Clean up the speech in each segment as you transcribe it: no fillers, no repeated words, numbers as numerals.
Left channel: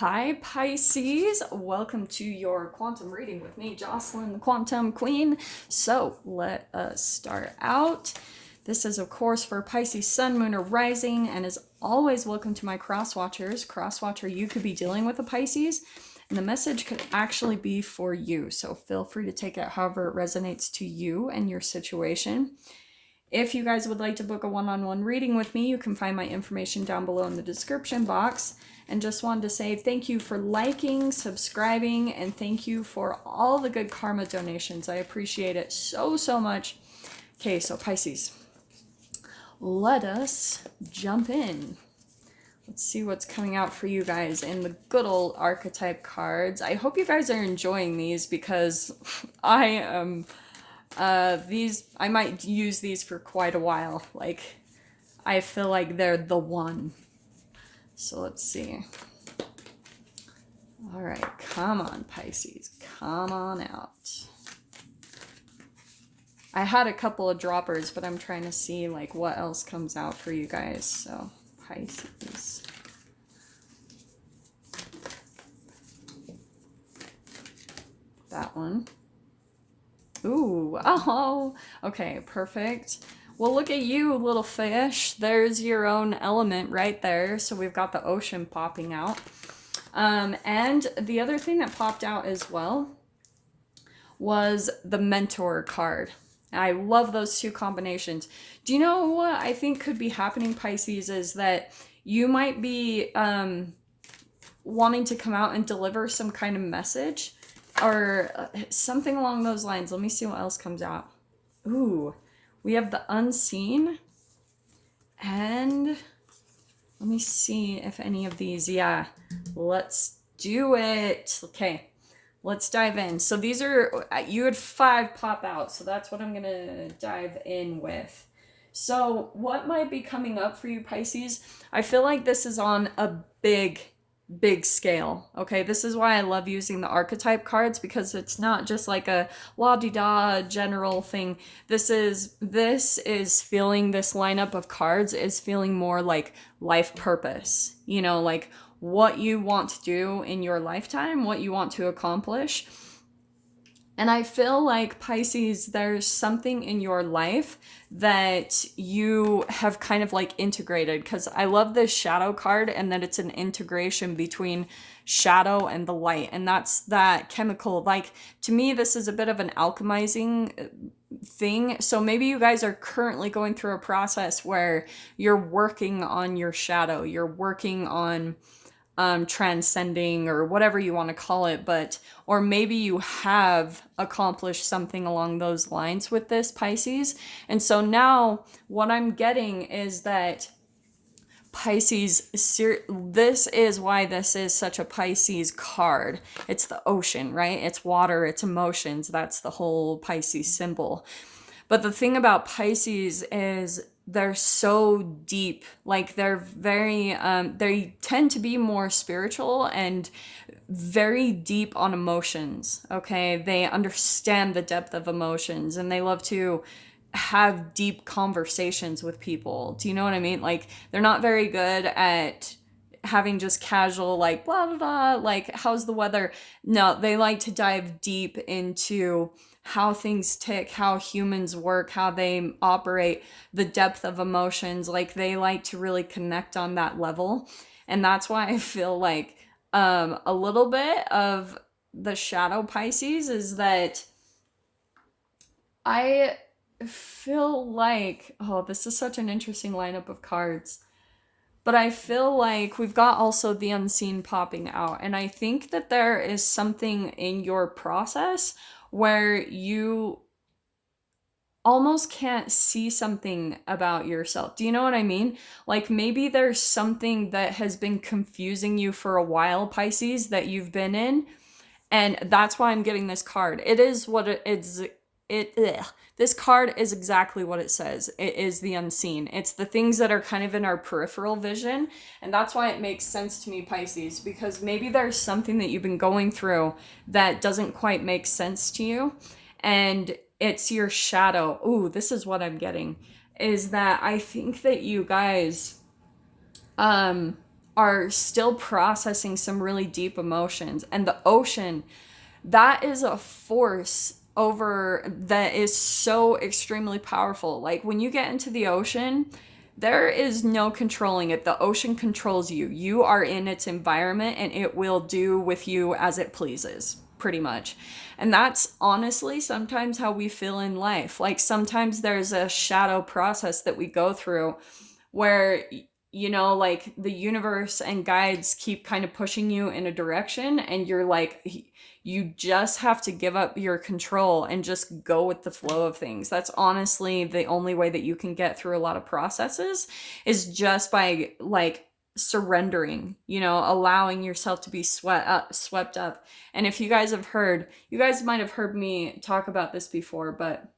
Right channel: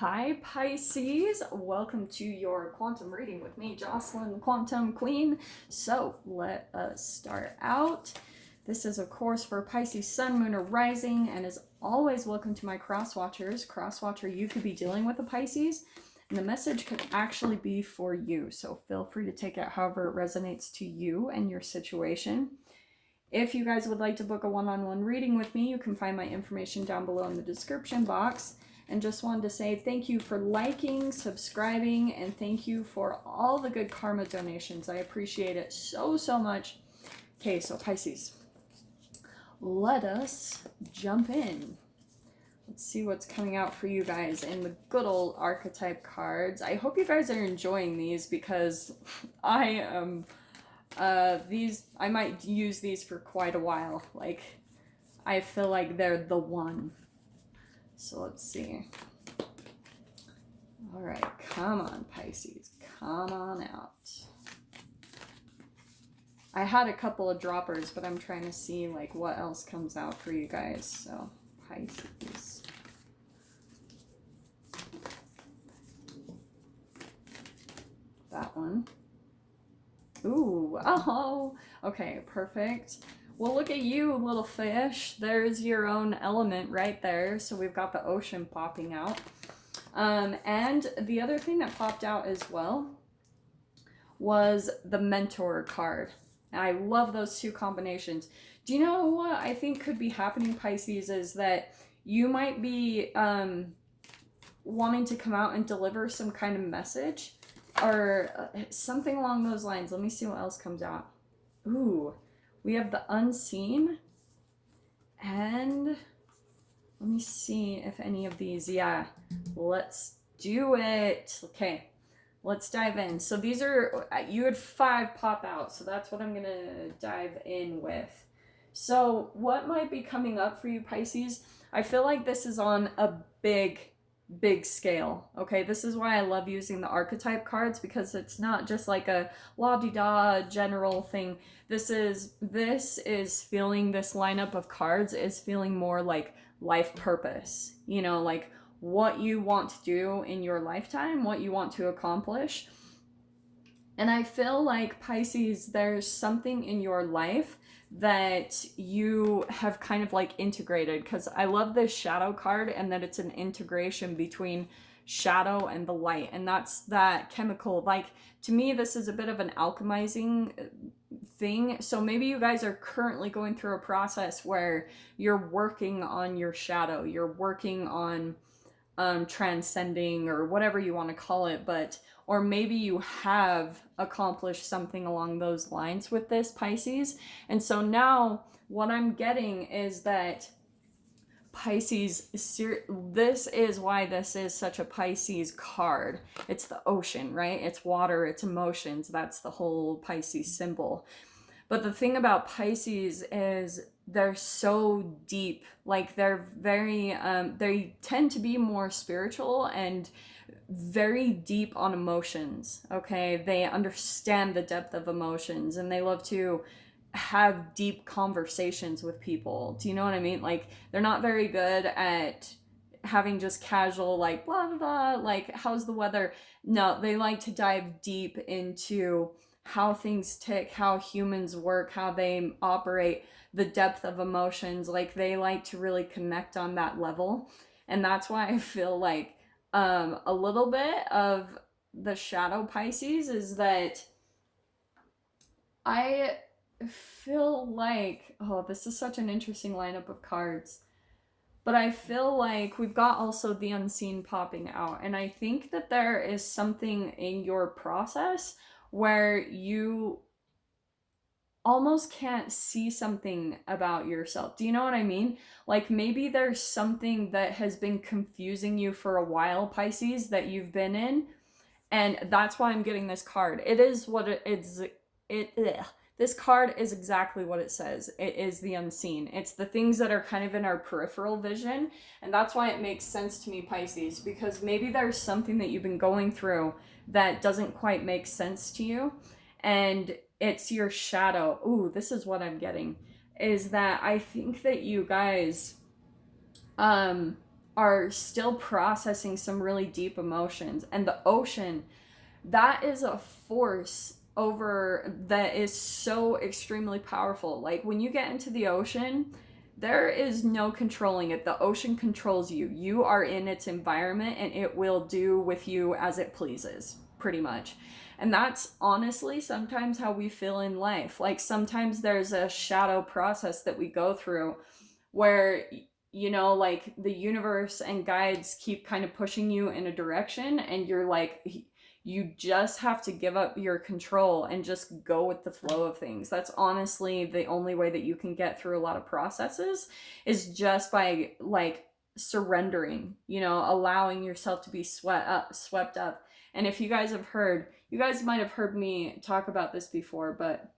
Hi Pisces, welcome to your quantum reading with me, Jocelyn, the Quantum Queen. So let us start out. This is of course for Pisces Sun, Moon, or Rising, and as always, welcome to my cross watchers. Cross watcher, you could be dealing with a Pisces, and the message could actually be for you. So feel free to take it however it resonates to you and your situation. If you guys would like to book a one-on-one reading with me, you can find my information down below in the description box. And just wanted to say thank you for liking, subscribing, and thank you for all the good karma donations. I appreciate it so, so much. Okay, so Pisces, let us jump in. Let's see what's coming out for you guys in the good old archetype cards. I hope you guys are enjoying these because I am... I might use these for quite a while. Like, I feel like they're the one. So let's see. All right, come on, Pisces. Come on out. I had a couple of droppers, but I'm trying to see like what else comes out for you guys. So, Pisces. That one. Ooh, oh, okay, perfect. Well, look at you, little fish. There's your own element right there. So we've got the ocean popping out. And the other thing that popped out as well was the mentor card. I love those two combinations. Do you know what I think could be happening, Pisces, is that you might be wanting to come out and deliver some kind of message or something along those lines. Let me see what else comes out. Ooh. We have the unseen, and let me see if any of these, yeah, let's do it. Okay, let's dive in. So these are, you had 5 pop out, so that's what I'm going to dive in with. So what might be coming up for you, Pisces? I feel like this is on a big scale. Okay, this is why I love using the archetype cards, because it's not just like a la-di-da general thing. This is feeling, this lineup of cards is feeling more like life purpose, you know, like what you want to do in your lifetime, what you want to accomplish. And I feel like, Pisces, there's something in your life that you have kind of like integrated, because I love this shadow card and that it's an integration between shadow and the light. And that's that chemical. Like, to me, this is a bit of an alchemizing thing. So maybe you guys are currently going through a process where you're working on your shadow. You're working on transcending, or whatever you want to call it, but or maybe you have accomplished something along those lines with this, Pisces. And so now what I'm getting is that Pisces, this is why this is such a Pisces card. It's the ocean, right? It's water, it's emotions. That's the whole Pisces symbol. But the thing about Pisces is they're so deep. Like, they're very, they tend to be more spiritual and very deep on emotions, okay? They understand the depth of emotions, and they love to have deep conversations with people. Do you know what I mean? Like, they're not very good at having just casual, like, blah, blah, blah, like, how's the weather? No, they like to dive deep into how things tick, how humans work, how they operate, the depth of emotions. Like, they like to really connect on that level. And that's why I feel like a little bit of the shadow Pisces is that I feel like, oh, this is such an interesting lineup of cards. But I feel like we've got also the unseen popping out. And I think that there is something in your process where you almost can't see something about yourself. Do you know what I mean? Like, maybe there's something that has been confusing you for a while, Pisces, that you've been in. And that's why I'm getting this card. It is what it is. This card is exactly what it says. It is the unseen. It's the things that are kind of in our peripheral vision. And that's why it makes sense to me, Pisces, because maybe there's something that you've been going through that doesn't quite make sense to you. And it's your shadow. Ooh, this is what I'm getting. Is that I think that you guys are still processing some really deep emotions. And the ocean, that is a force over that is so extremely powerful. Like when you get into the ocean, there is no controlling it. The ocean controls you. You are in its environment and it will do with you as it pleases, pretty much. And that's honestly sometimes how we feel in life. Like sometimes there's a shadow process that we go through where, you know, like the universe and guides keep kind of pushing you in a direction, and you're like, you just have to give up your control and just go with the flow of things. That's honestly the only way that you can get through a lot of processes, is just by like surrendering, you know, allowing yourself to be swept up. And if you guys have heard, you guys might have heard me talk about this before, but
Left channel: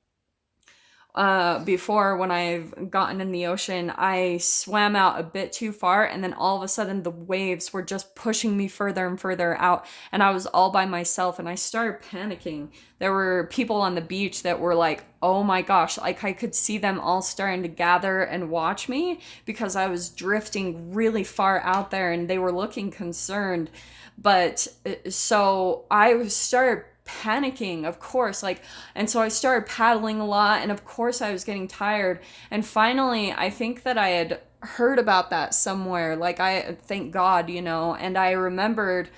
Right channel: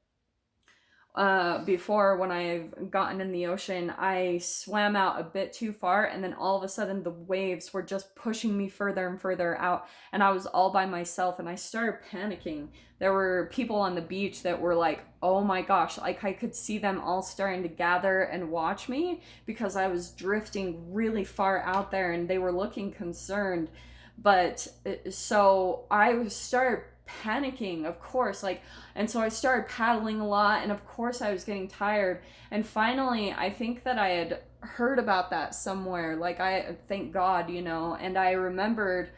before, when I've gotten in the ocean, I swam out a bit too far, and then all of a sudden the waves were just pushing me further and further out, and I was all by myself, and I started panicking. There were people on the beach that were like, oh my gosh, like I could see them all starting to gather and watch me because I was drifting really far out there, and they were looking concerned. But so I started panicking, of course, like, and so I started paddling a lot, and of course I was getting tired. And finally, I think that I had heard about that somewhere, like, I thank God, you know, and I remembered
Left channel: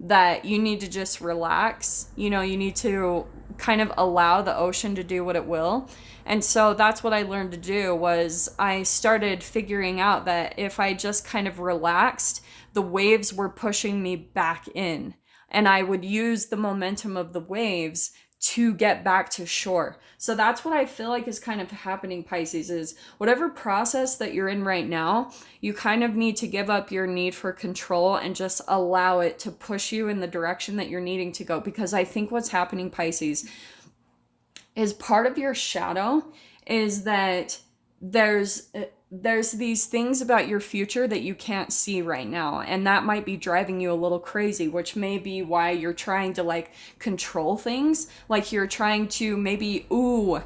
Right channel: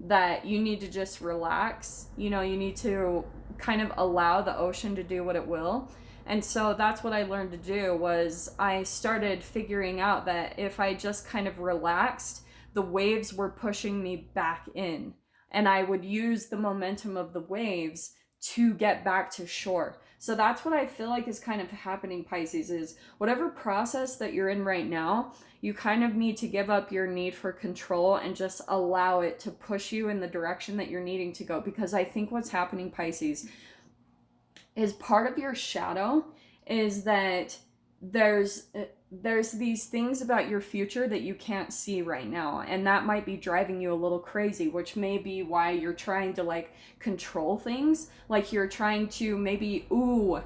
that you need to just relax, you know, you need to kind of allow the ocean to do what it will. And so that's what I learned to do, was I started figuring out that if I just kind of relaxed, the waves were pushing me back in, and I would use the momentum of the waves to get back to shore. So that's what I feel like is kind of happening, Pisces, is whatever process that you're in right now, you kind of need to give up your need for control and just allow it to push you in the direction that you're needing to go. Because I think what's happening, Pisces, is part of your shadow is that there's these things about your future that you can't see right now, and that might be driving you a little crazy, which may be why you're trying to like control things. Like you're trying to maybe, oh,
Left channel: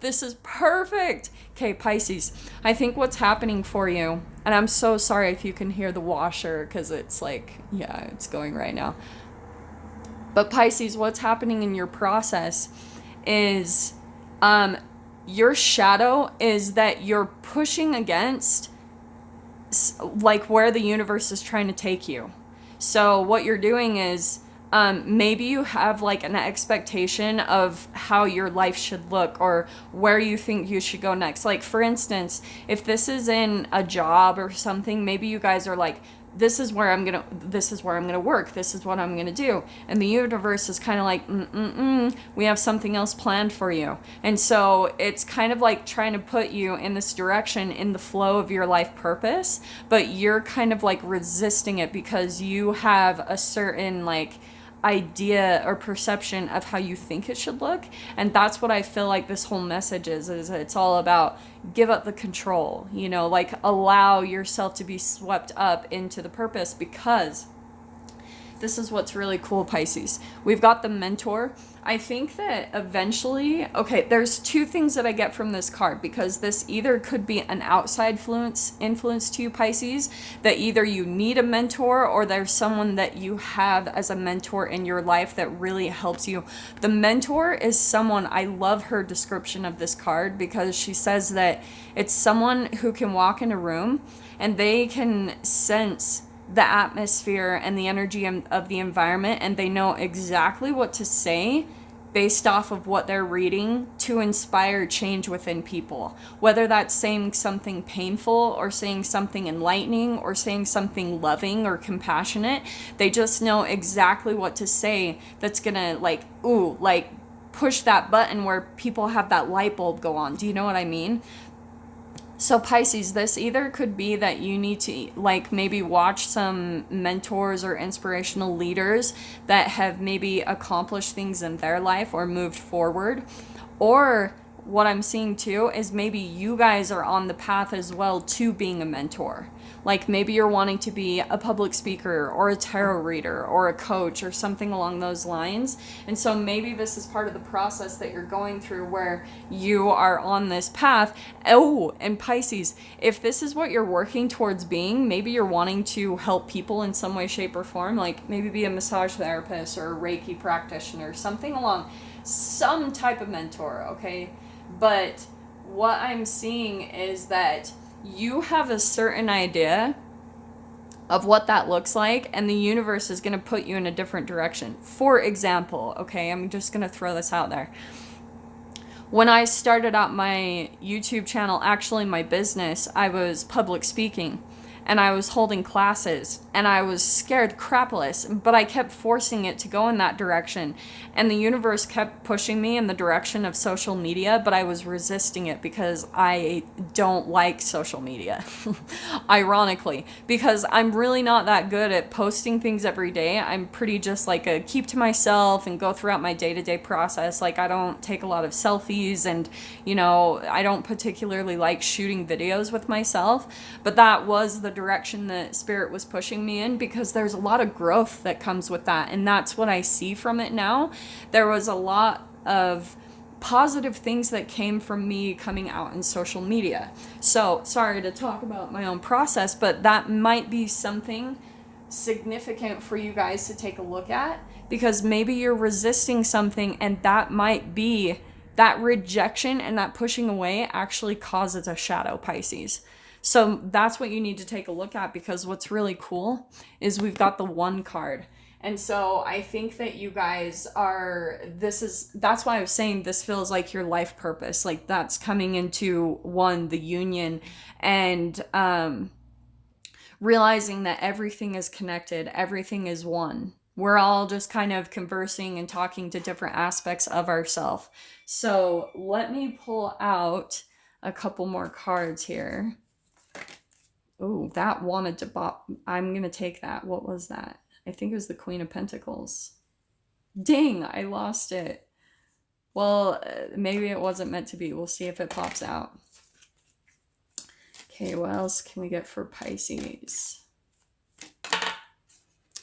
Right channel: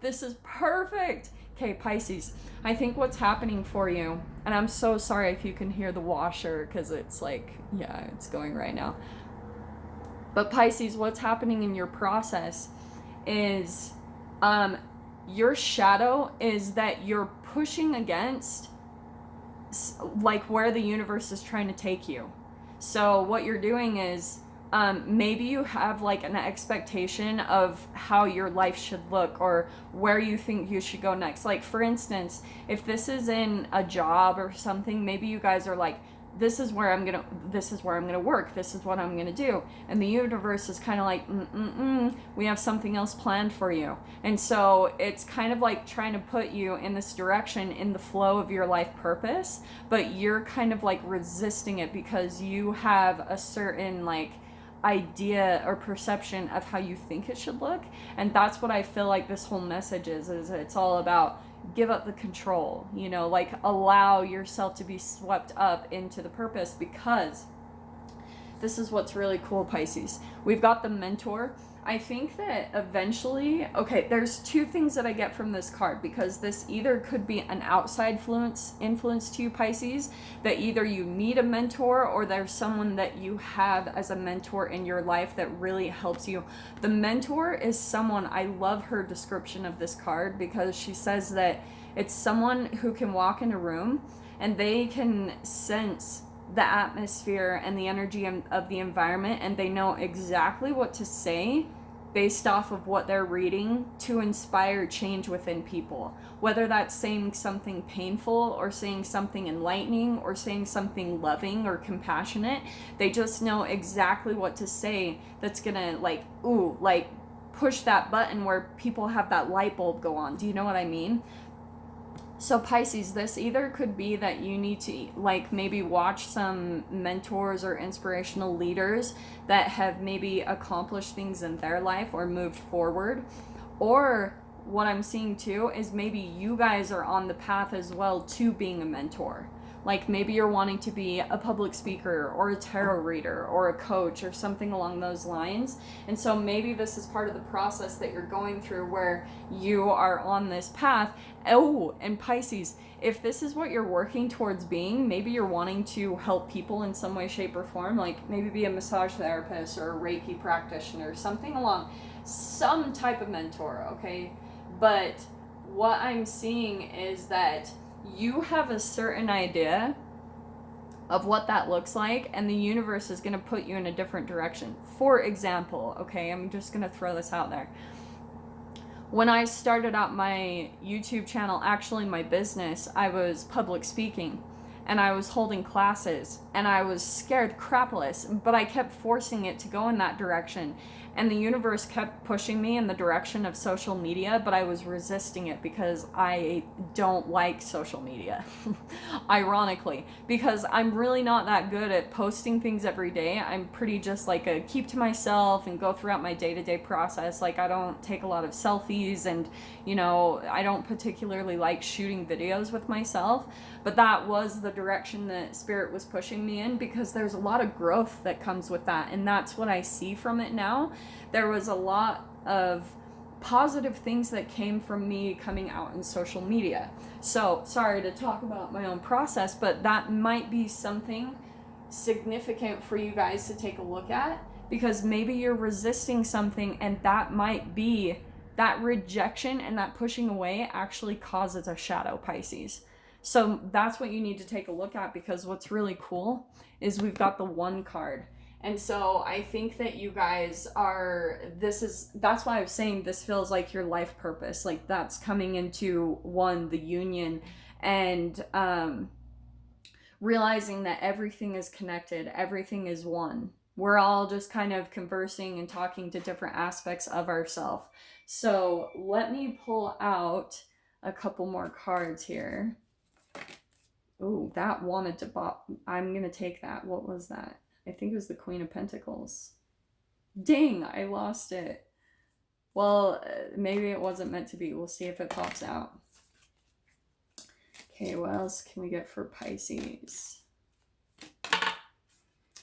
this is perfect. Okay, Pisces, I think what's happening for you, and I'm so sorry if you can hear the washer because it's like, yeah, it's going right now. But Pisces, what's happening in your process is your shadow is that you're pushing against like where the universe is trying to take you. So what you're doing is maybe you have like an expectation of how your life should look or where you think you should go next. Like for instance, if this is in a job or something, maybe you guys are like, this is where I'm gonna work, this is what I'm gonna do, and the universe is kind of like, we have something else planned for you. And so it's kind of like trying to put you in this direction in the flow of your life purpose, but you're kind of like resisting it because you have a certain like idea or perception of how you think it should look. And that's what I feel like this whole message is it's all about give up the control, you know, like allow yourself to be swept up into the purpose. Because this is what's really cool, Pisces. We've got the mentor. I think that eventually, okay, there's two things that I get from this card, because this either could be an outside influence to you, Pisces, that either you need a mentor or there's someone that you have as a mentor in your life that really helps you. The mentor is someone, I love her description of this card because she says that it's someone who can walk in a room and they can sense the atmosphere and the energy of the environment, and they know exactly what to say based off of what they're reading to inspire change within people. Whether that's saying something painful or saying something enlightening or saying something loving or compassionate, they just know exactly what to say that's gonna like push that button where people have that light bulb go on. Do you know what I mean? So Pisces, this either could be that you need to like maybe watch some mentors or inspirational leaders that have maybe accomplished things in their life or moved forward. Or what I'm seeing too is maybe you guys are on the path as well to being a mentor. Like maybe you're wanting to be a public speaker or a tarot reader or a coach or something along those lines. And so maybe this is part of the process that you're going through where you are on this path. Oh, and Pisces, if this is what you're working towards being, maybe you're wanting to help people in some way, shape, or form, like maybe be a massage therapist or a Reiki practitioner, something along, some type of mentor, okay? But what I'm seeing is that you have a certain idea of what that looks like, and the universe is going to put you in a different direction. For example, okay, I'm just going to throw this out there. When I started out my YouTube channel, actually my business, I was public speaking and I was holding classes and I was scared crapless, but I kept forcing it to go in that direction. And the universe kept pushing me in the direction of social media, but I was resisting it because I don't like social media. Ironically, because I'm really not that good at posting things every day. I'm pretty just like a keep to myself and go throughout my day-to-day process. Like I don't take a lot of selfies, and you know, I don't particularly like shooting videos with myself, but that was the direction that spirit was pushing me in, because there's a lot of growth that comes with that, and that's what I see from it now. There was a lot of positive things that came from me coming out in social media. So sorry to talk about my own process, but that might be something significant for you guys to take a look at, because maybe you're resisting something, and that might be that rejection, and that pushing away actually causes a shadow, Pisces. So that's what you need to take a look at, because what's really cool is we've got the 1 card. And so I think that you guys are, that's why I was saying this feels like your life purpose. Like that's coming into one, the union, and realizing that everything is connected, everything is one. We're all just kind of conversing and talking to different aspects of ourselves. So let me pull out a couple more cards here. Oh, that wanted to bop. I'm going to take that. What was that? I think it was the Queen of Pentacles. Dang, I lost it. Well, maybe it wasn't meant to be. We'll see if it pops out. Okay, what else can we get for Pisces?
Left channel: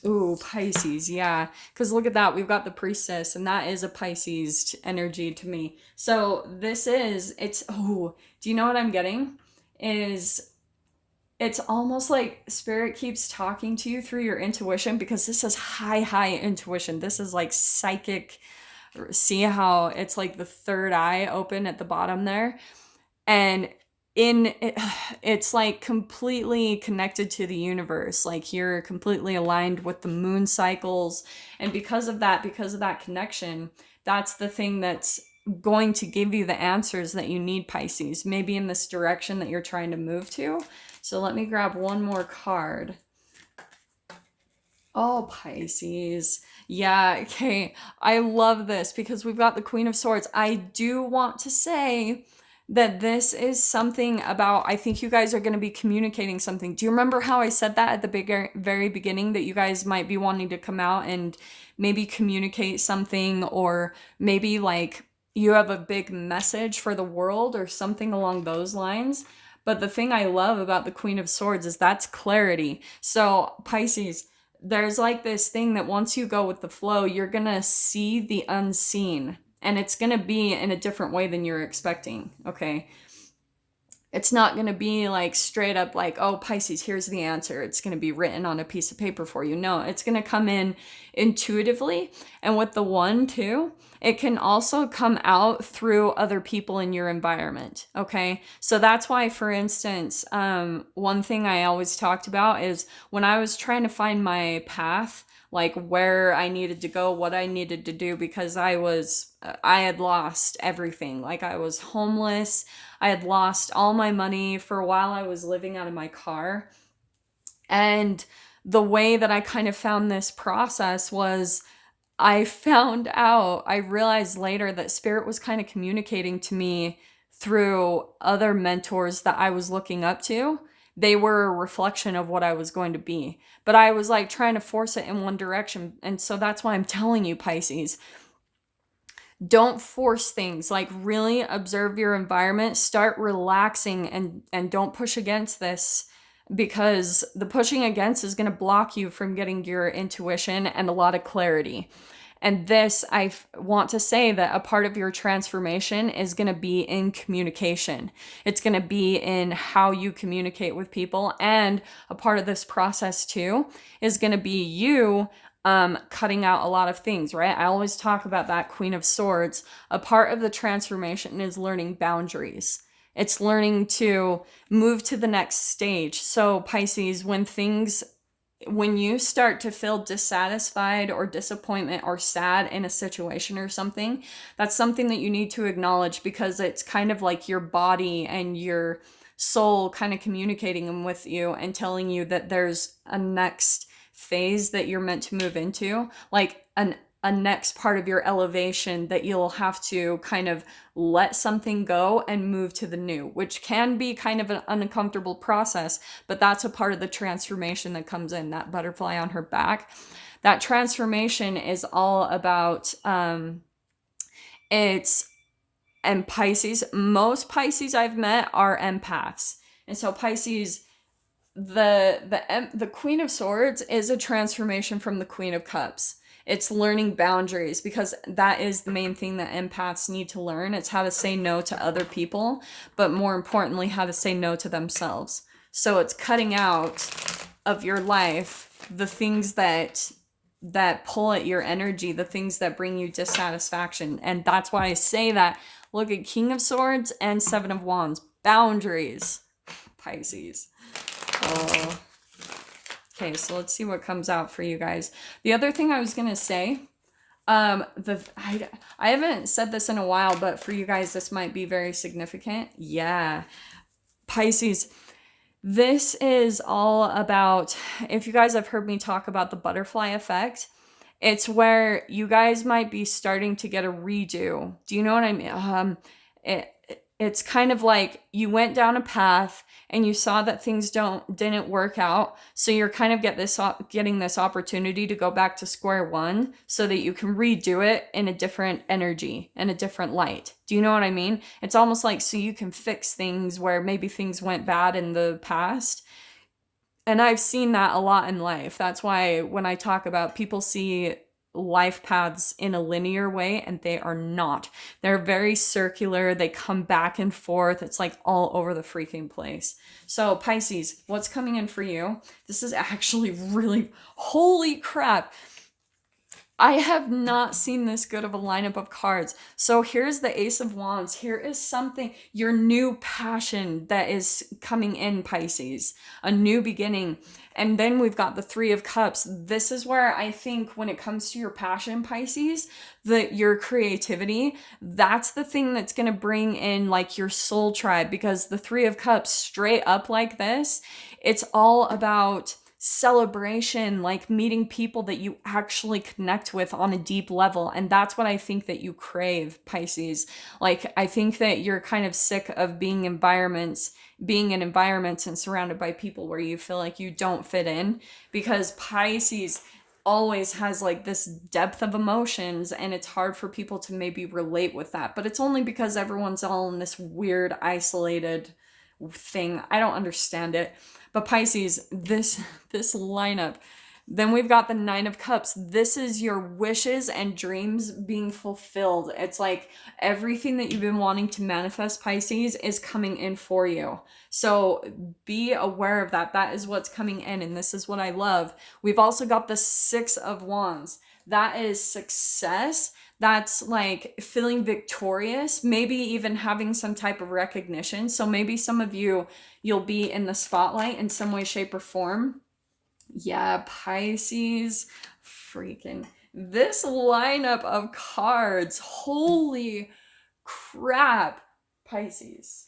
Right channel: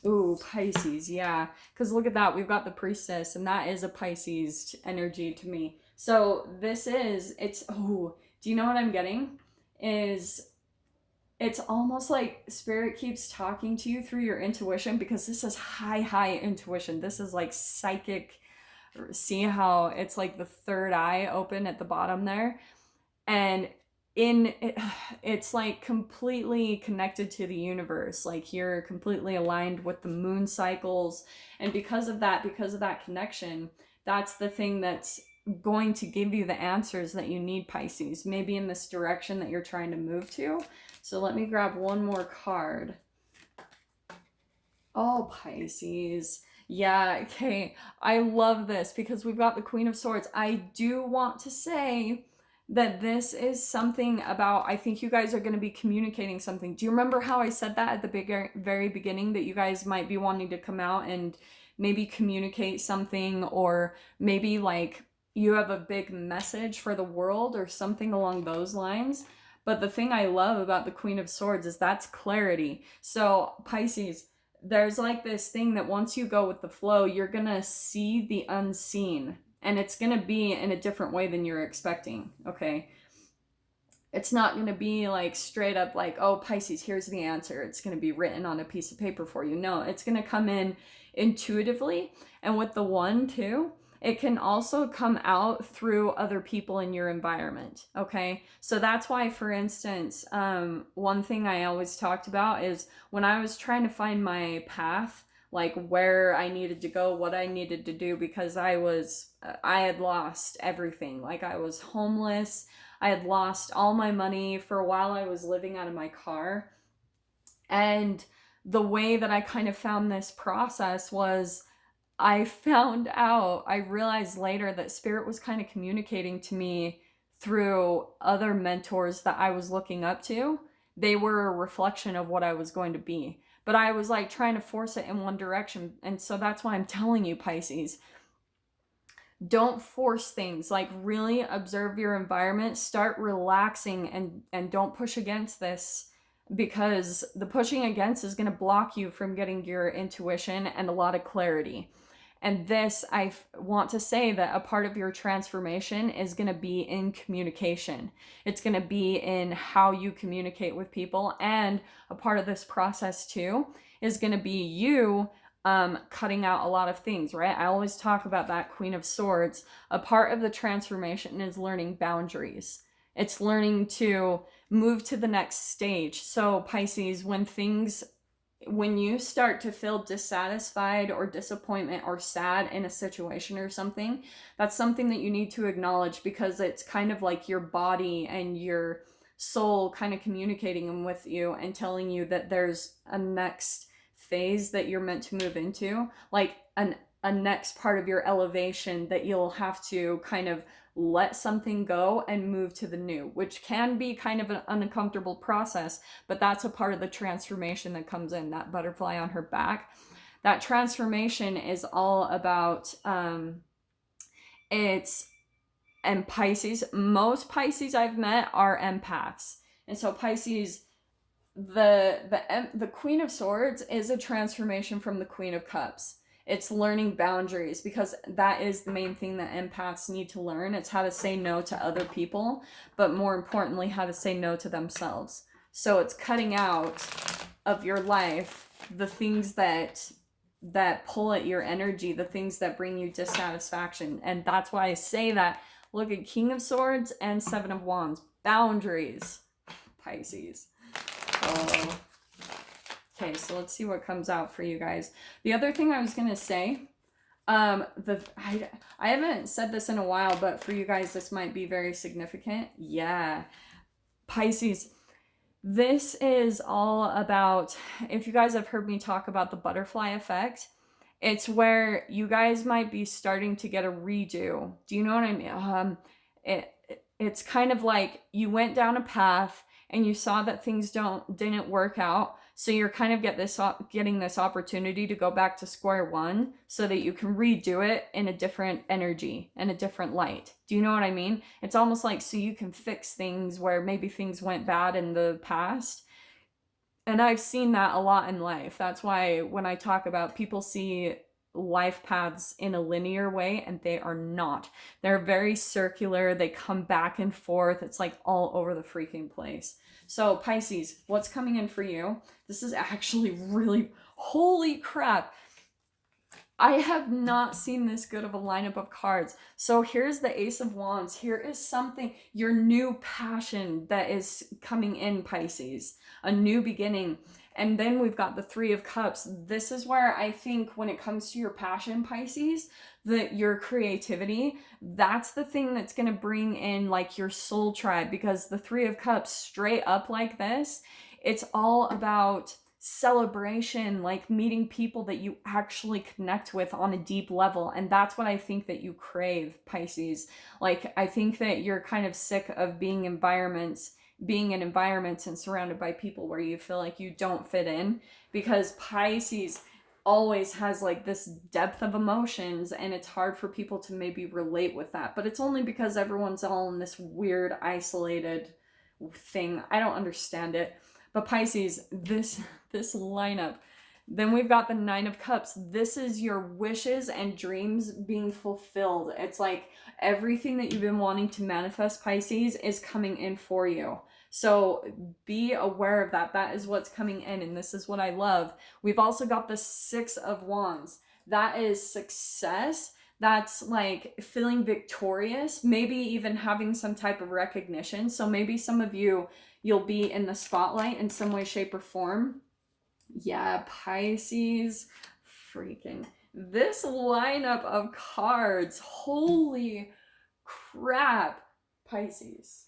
Ooh, Pisces, yeah. Because look at that. We've got the Priestess, and that is a Pisces energy to me. So this is, do you know what I'm getting? It's almost like spirit keeps talking to you through your intuition, because this is high intuition. This is like psychic. See how it's like the third eye open at the bottom there? And it's like completely connected to the universe. Like you're completely aligned with the moon cycles. And because of that connection, that's the thing that's going to give you the answers that you need, Pisces. Maybe in this direction that you're trying to move to. So let me grab one more card. Oh, Pisces. Yeah, okay. I love this because we've got the Queen of Swords. I do want to say that this is something about, I think you guys are going to be communicating something. Do you remember how I said that at the very beginning, that you guys might be wanting to come out and maybe communicate something, or maybe like you have a big message for the world or something along those lines? But the thing I love about the Queen of Swords is that's clarity. So Pisces, there's like this thing that once you go with the flow, you're going to see the unseen, and it's going to be in a different way than you're expecting. Okay. It's not going to be like straight up like, oh, Pisces, here's the answer. It's going to be written on a piece of paper for you. No, it's going to come in intuitively. And with the 1 too, it can also come out through other people in your environment. Okay. So that's why, for instance, one thing I always talked about is when I was trying to find my path, like where I needed to go, what I needed to do, because I had lost everything. Like I was homeless. I had lost all my money. For a while I was living out of my car. And the way that I kind of found this process was I realized later that spirit was kind of communicating to me through other mentors that I was looking up to. They were a reflection of what I was going to be, but I was like trying to force it in one direction. And so that's why I'm telling you, Pisces, don't force things. Like really observe your environment, start relaxing, and don't push against this because the pushing against is going to block you from getting your intuition and a lot of clarity. And this, want to say that a part of your transformation is going to be in communication. It's going to be in how you communicate with people. And a part of this process too is going to be you cutting out a lot of things, right? I always talk about that Queen of Swords. A part of the transformation is learning boundaries. It's learning to move to the next stage. So Pisces, when you start to feel dissatisfied or disappointment or sad in a situation or something, that's something that you need to acknowledge, because it's kind of like your body and your soul kind of communicating with you and telling you that there's a next phase that you're meant to move into, like a next part of your elevation that you'll have to kind of let something go and move to the new, which can be kind of an uncomfortable process, but that's a part of the transformation that comes in. That butterfly on her back, that transformation is all about it's and Pisces, most Pisces I've met are empaths. And so Pisces, the Queen of Swords is a transformation from the Queen of Cups. It's learning boundaries, because that is the main thing that empaths need to learn. It's how to say no to other people, but more importantly, how to say no to themselves. So it's cutting out of your life the things that pull at your energy, the things that bring you dissatisfaction. And that's why I say that. Look at King of Swords and Seven of Wands. Boundaries, Pisces. Oh. Okay, so let's see what comes out for you guys. The other thing I was gonna say, I haven't said this in a while, but for you guys, this might be very significant. Yeah, Pisces, this is all about, if you guys have heard me talk about the butterfly effect, it's where you guys might be starting to get a redo. Do you know what I mean? It's kind of like you went down a path and you saw that things didn't work out, so you're kind of getting this opportunity to go back to square one so that you can redo it in a different energy and a different light. Do you know what I mean? It's almost like so you can fix things where maybe things went bad in the past. And I've seen that a lot in life. That's why when I talk about, people see life paths in a linear way, and they are not. They're very circular. They come back and forth. It's like all over the freaking place. So Pisces, what's coming in for you? This is actually really, holy crap. I have not seen this good of a lineup of cards. So here's the Ace of Wands. Here is something, your new passion that is coming in, Pisces. A new beginning. And then we've got the Three of Cups. This is where I think when it comes to your passion, Pisces, your creativity, that's the thing that's going to bring in like your soul tribe, because the Three of Cups straight up like this, it's all about celebration, like meeting people that you actually connect with on a deep level. And that's what I think that you crave, Pisces. Like, I think that you're kind of sick of being in environments and surrounded by people where you feel like you don't fit in, because Pisces always has like this depth of emotions, and it's hard for people to maybe relate with that. But it's only because everyone's all in this weird isolated thing. I don't understand it. But Pisces, this lineup, then we've got the Nine of Cups. This is your wishes and dreams being fulfilled. It's like everything that you've been wanting to manifest, Pisces, is coming in for you. So be aware of that. That is what's coming in, and this is what I love. We've also got the Six of Wands. That is success. That's like feeling victorious, maybe even having some type of recognition. So maybe some of you'll be in the spotlight in some way, shape, or form. Yeah, Pisces, freaking this lineup of cards. Holy crap, Pisces.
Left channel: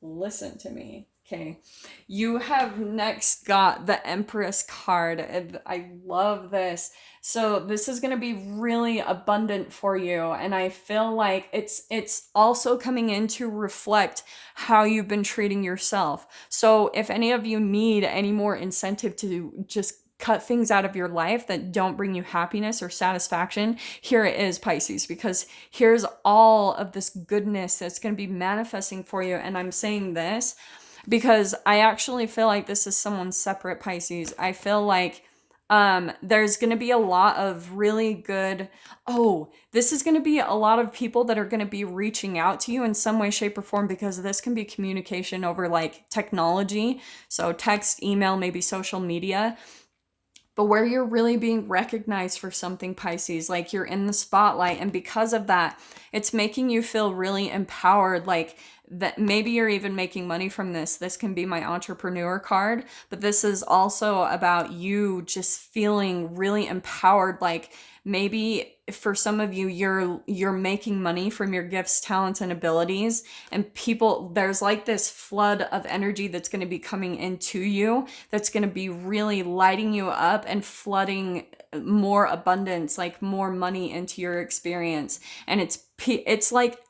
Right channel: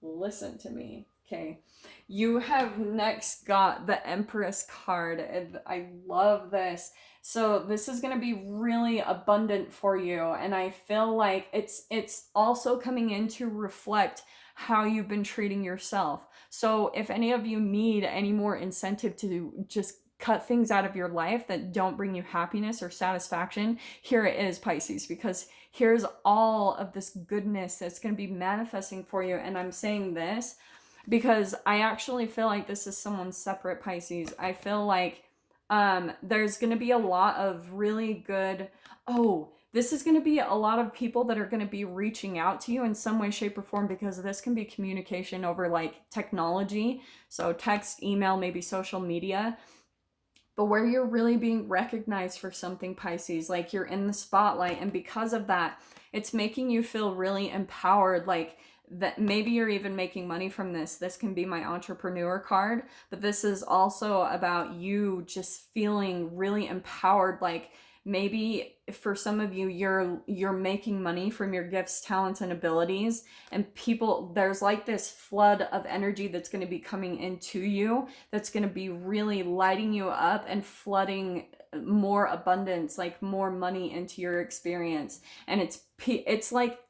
Listen to me. Okay, you have next got the Empress card. I love this. So this is going to be really abundant for you, and I feel like it's also coming in to reflect how you've been treating yourself. So if any of you need any more incentive to just cut things out of your life that don't bring you happiness or satisfaction, here it is, Pisces, because here's all of this goodness that's going to be manifesting for you. And I'm saying this because I actually feel like this is someone's separate, Pisces. I feel like there's going to be a lot of really good, this is going to be a lot of people that are going to be reaching out to you in some way, shape, or form, because this can be communication over like technology. So text, email, maybe social media. But where you're really being recognized for something, Pisces, like you're in the spotlight. And because of that, it's making you feel really empowered. Like that maybe you're even making money from this. This can be my entrepreneur card, but this is also about you just feeling really empowered. Like maybe for some of you, you're making money from your gifts, talents, and abilities, and people, there's like this flood of energy that's going to be coming into you, that's going to be really lighting you up and flooding more abundance, like more money into your experience. And it's like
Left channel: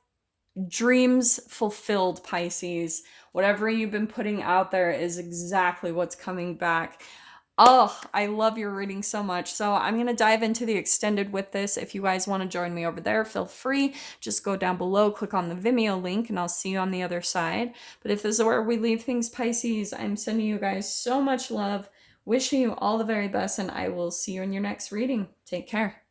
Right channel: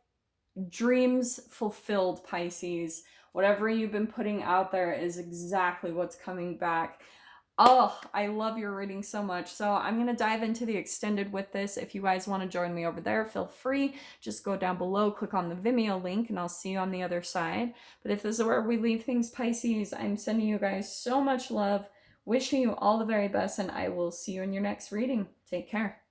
dreams fulfilled, Pisces. Whatever you've been putting out there is exactly what's coming back. Oh, I love your reading so much. So I'm going to dive into the extended with this. If you guys want to join me over there, feel free. Just go down below, click on the Vimeo link, and I'll see you on the other side. But if this is where we leave things, Pisces, I'm sending you guys so much love, wishing you all the very best, and I will see you in your next reading. Take care.